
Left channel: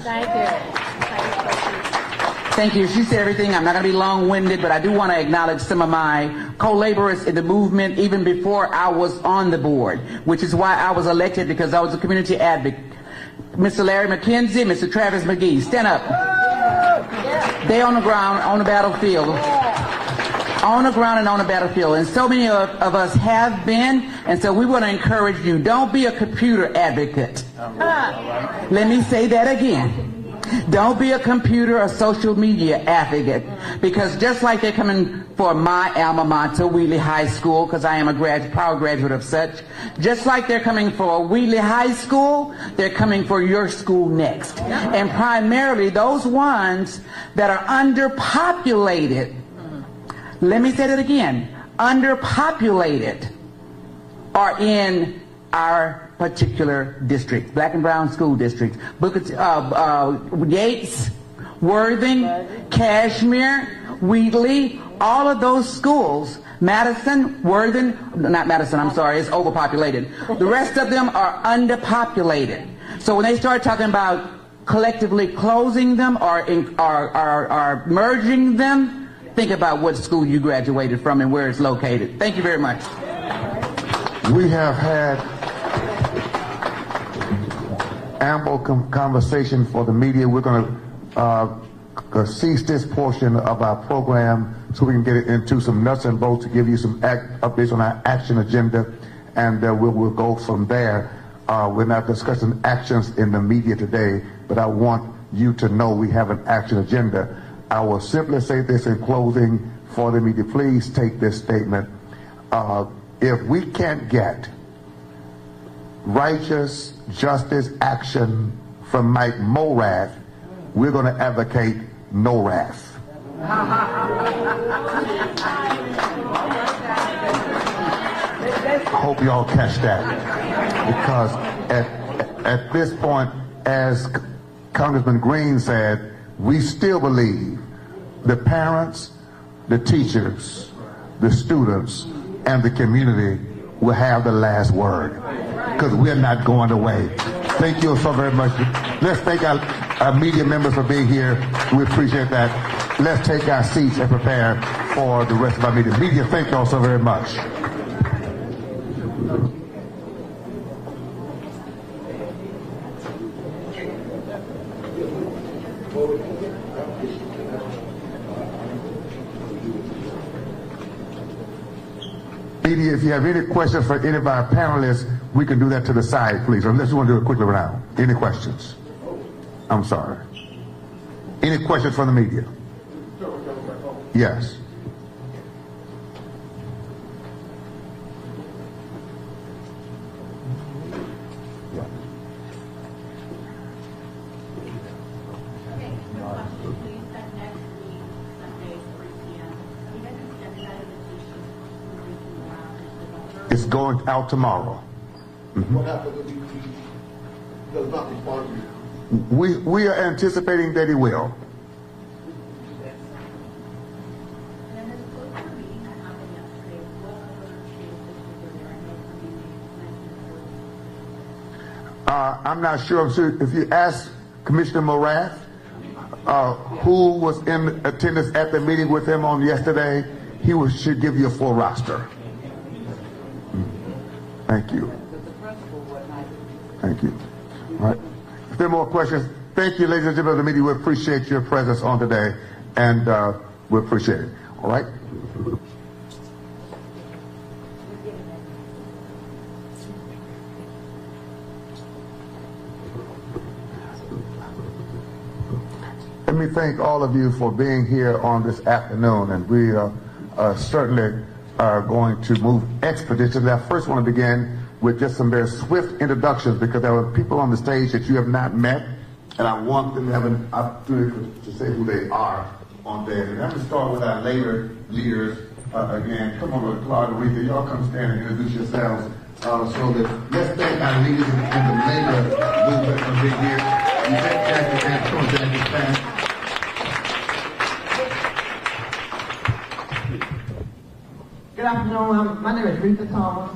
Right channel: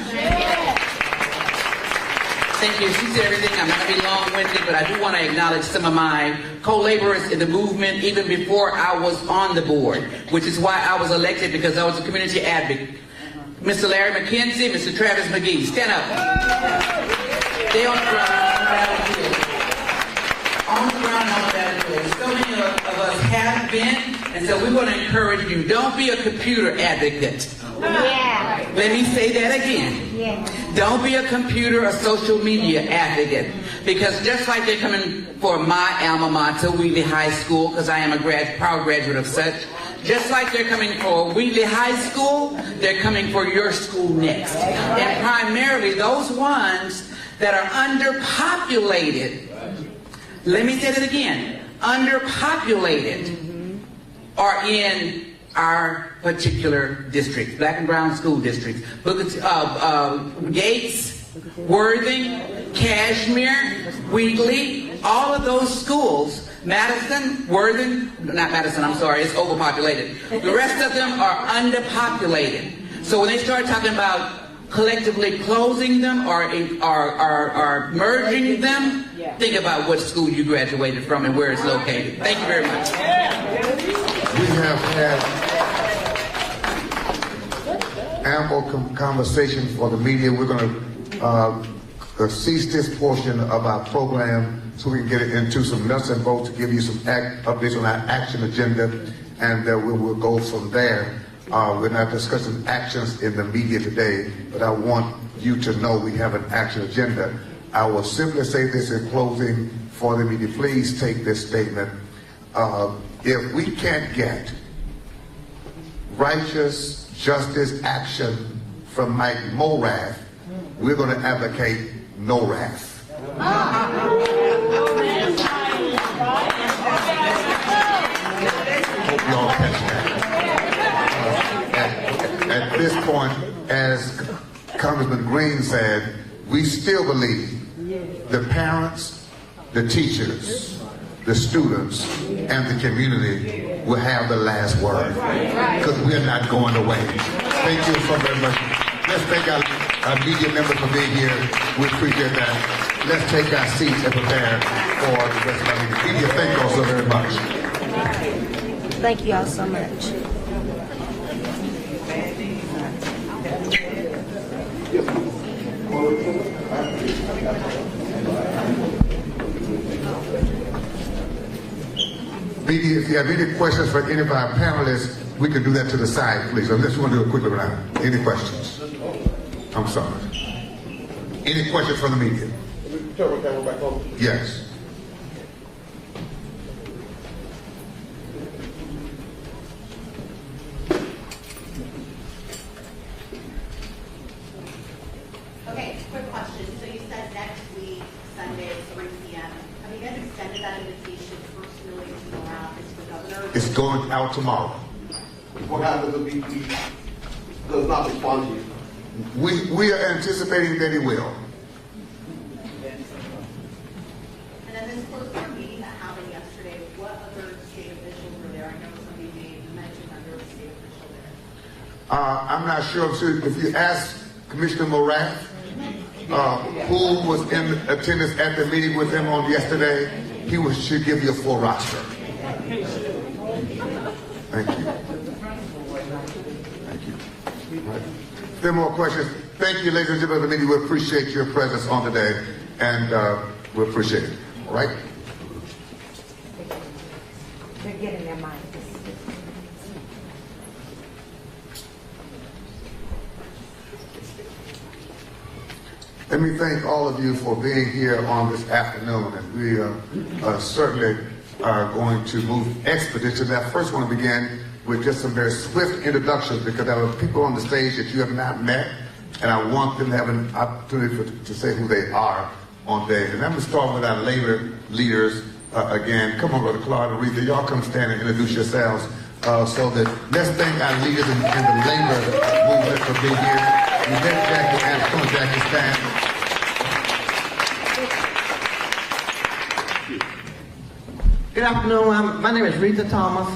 Thank you. She said everything. I'm not going to be long-winded, but I do want to acknowledge some of my co-laborers in the movement even before I was on the board, which is why I was elected, because I was a community advocate. Mr. Larry McKenzie, Mr. Travis McGee, stand up. They on the ground, on the battlefield. On the ground and on the battlefield. And so many of us have been, and so we want to encourage you. Don't be a computer advocate. Let me say that again. Don't be a computer or social media advocate, because just like they're coming for my alma mater, Wheatley High School, because I am a proud graduate of such, just like they're coming for Wheatley High School, they're coming for your school next. And primarily those ones that are underpopulated, let me say that again, underpopulated, are in our particular district, black and brown school districts. Gates, Worthing, Cashmere, Wheatley, all of those schools, Madison, Worthing, not Madison, I'm sorry, it's overpopulated. The rest of them are underpopulated. So when they start talking about collectively closing them or merging them, think about what school you graduated from and where it's located. Thank you very much. We have had ample conversation for the media. We're going to cease this portion of our program so we can get into some nuts and bolts to give you some updates on our action agenda, and we will go from there. We're not discussing actions in the media today, but I want you to know we have an action agenda. I will simply say this in closing for the media. Please take this statement. If we can't get righteous justice action from Mike Morath, we're going to advocate no wrath. I hope you all catch that. Because at this point, as Congressman Green said, we still believe the parents, the teachers, the students, and the community will have the last word, because we're not going away. Thank you so very much. Let's thank our media members for being here. We appreciate that. Let's take our seats and prepare for the rest of our meeting. Media, thank you all so very much. Thank you all so much. If you have any questions for any of our panelists, we can do that to the side, please. Or let's want to do a quick round. Any questions? I'm sorry. Any questions from the media? Yes. Okay, quick question. So you said next week, Sunday, 3 p.m. Have you guys extended that invitation personally to the governor? It's going out tomorrow. What happens if he does not respond to you? We are anticipating that he will. And then this closed meeting that happened yesterday, what other state officials were there? I know somebody mentioned that there was a state official there. I'm not sure if you ask Commissioner Morath, who was in attendance at the meeting with them on yesterday, he should give you a full roster. Thank you. Thank you. All right. If there are more questions, thank you, ladies and gentlemen of the media. We appreciate your presence on today, and we appreciate it. All right? They're getting their minds. Let me thank all of you for being here on this afternoon, and we certainly are going to move expeditiously. I first want to begin with just some very swift introductions, because there are people on the stage that you have not met, and I want them to have an opportunity to say who they are on stage. And I'm going to start with our labor leaders again. Come on, Brother Clark and Aretha, y'all come stand and introduce yourselves so that let's thank our leaders in the labor movement for being here. And let's thank the Anti-Contractor staff. Good afternoon. My name is Rita Thomas,